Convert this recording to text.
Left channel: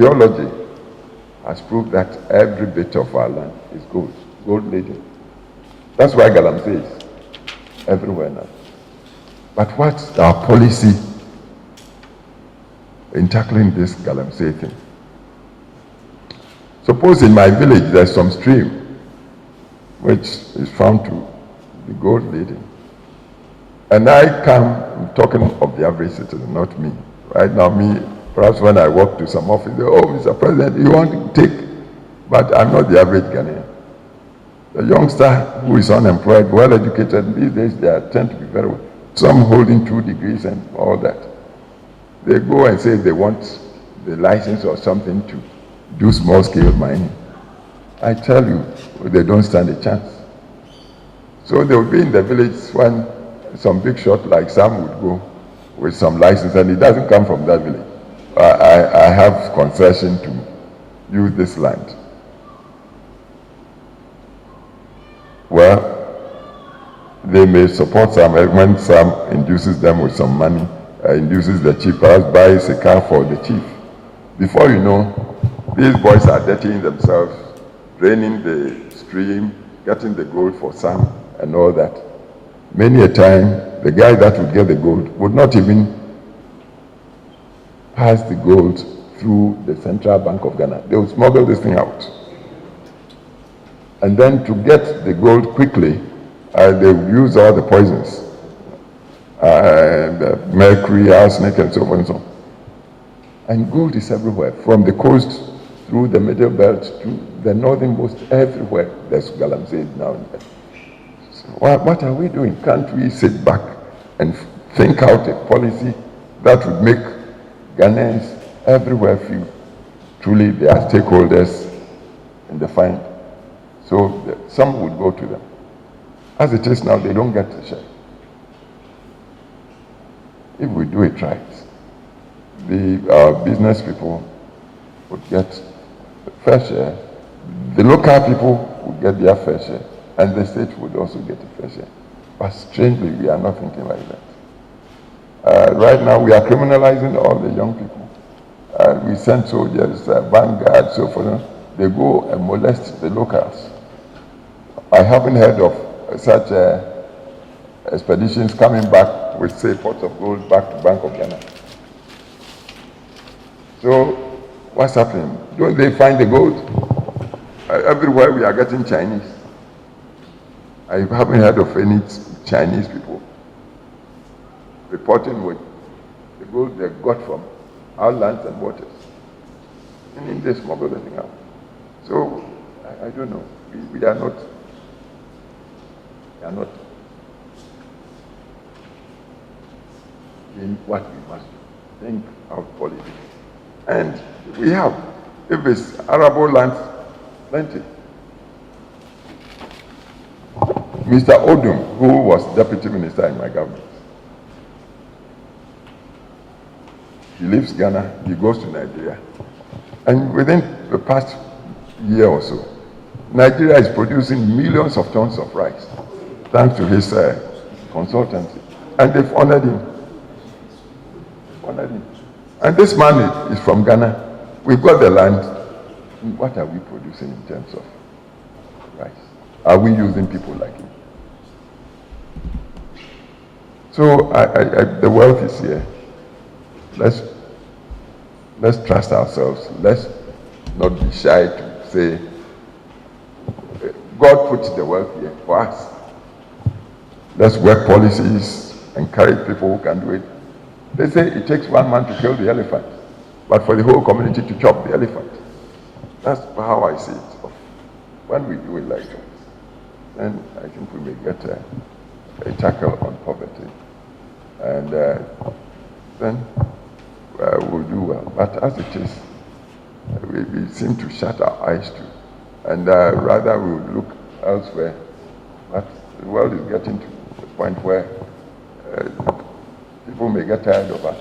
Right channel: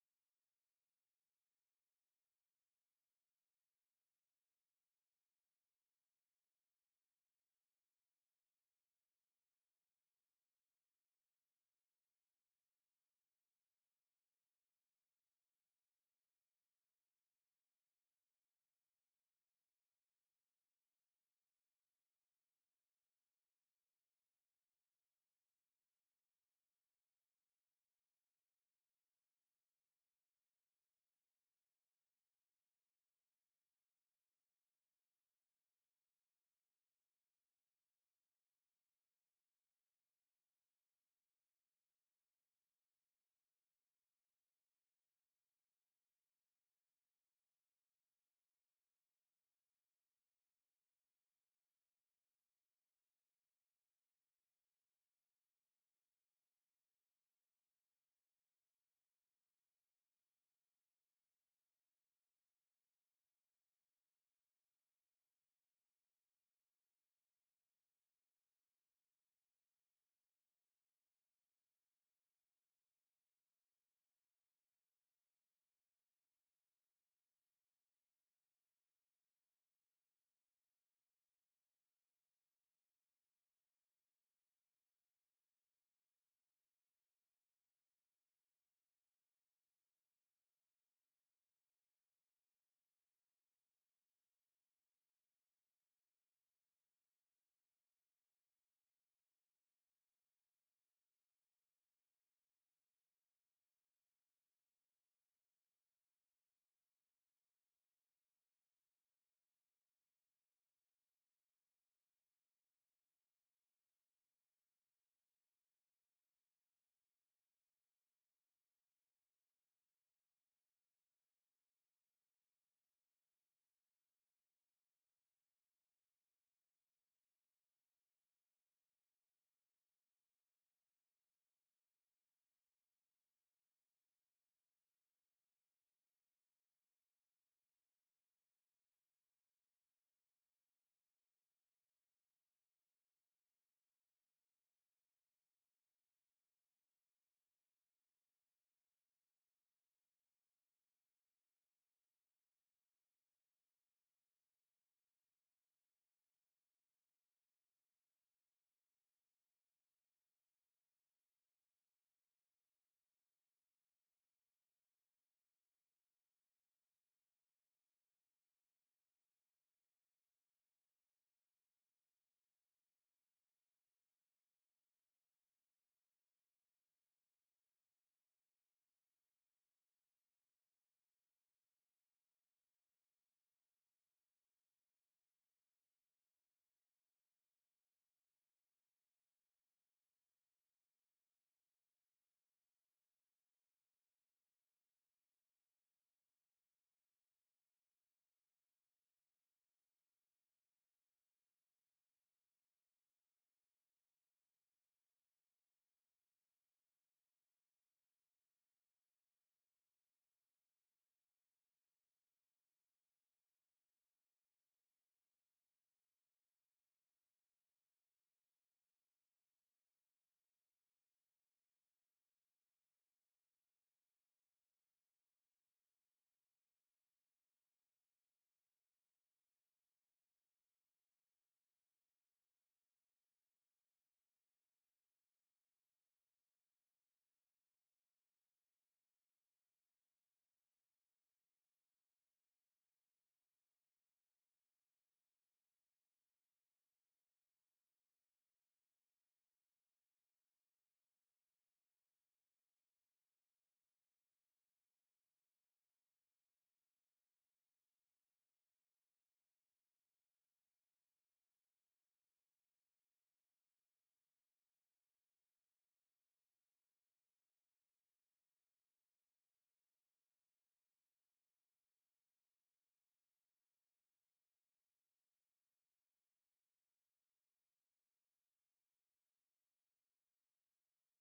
geology has proved that every bit of our land is gold laden. That's why Galamsey is everywhere now. But what's our policy in tackling this Galamsey thing? Suppose in my village there's some stream which is found to be gold laden. And I come, I'm talking of the average citizen, not me. Right now, me, perhaps when I walk to some office, they, oh, Mr. President, you want to take? But I'm not the average Ghanaian. The youngster who is unemployed, well-educated, these days they tend to be very well. Some holding 2 degrees and all that. They go and say they want the license or something to do small-scale mining. I tell you, they don't stand a chance. So they will be in the village when some big shot like Sam would go with some license, and it doesn't come from that village. I have concession to use this land. Well, they may support Sam when Sam induces them with some money, induces the chief, perhaps buys a car for the chief. Before you know, these boys are dirtying themselves, draining the stream, getting the gold for Sam and all that. Many a time, the guy that would get the gold would not even pass the gold through the Central Bank of Ghana. They would smuggle this thing out. And then to get the gold quickly, they would use all the poisons, mercury, arsenic, and so on and so on. And gold is everywhere, from the coast through the middle belt to the northernmost, everywhere. There's Galamsey now and then. So what are we doing? Can't we sit back and think out a policy that would make Ghanaians everywhere feel truly they are stakeholders in the find? So some would go to them. As it is now, they don't get the share. If we do it right, the business people would get the fair share, the local people would get their fair share, and the state would also get a fair share. But strangely, we are not thinking like that. Right now, we are criminalizing all the young people. We send soldiers, vanguard, so forth. They go and molest the locals. I haven't heard of such expeditions coming back with, say, pots of gold back to Bank of Ghana. So, what's happening? Don't they find the gold? Everywhere we are getting Chinese. I haven't heard of any Chinese people reporting with the gold they got from our lands and waters. And they smuggle the thing out. So, I don't know. We are not in what we must do. Think out politics. And we have, if it's arable lands, plenty. Mr. Odum, who was deputy minister in my government, he leaves Ghana, he goes to Nigeria. And within the past year or so, Nigeria is producing millions of tons of rice, thanks to his consultancy. And they've honored him. And this man is from Ghana. We've got the land. What are we producing in terms of rice? Are we using people like him? So the wealth is here. Let's trust ourselves. Let's not be shy to say, God put the wealth here for us. Let's work policies, encourage people who can do it. They say it takes one man to kill the elephant, but for the whole community to chop the elephant. That's how I see it. When we do it like that, then I think we may get a tackle on poverty. And then we'll do well. But as it is, we seem to shut our eyes to. And rather we would look elsewhere. But the world is getting to the point where people may get tired of us.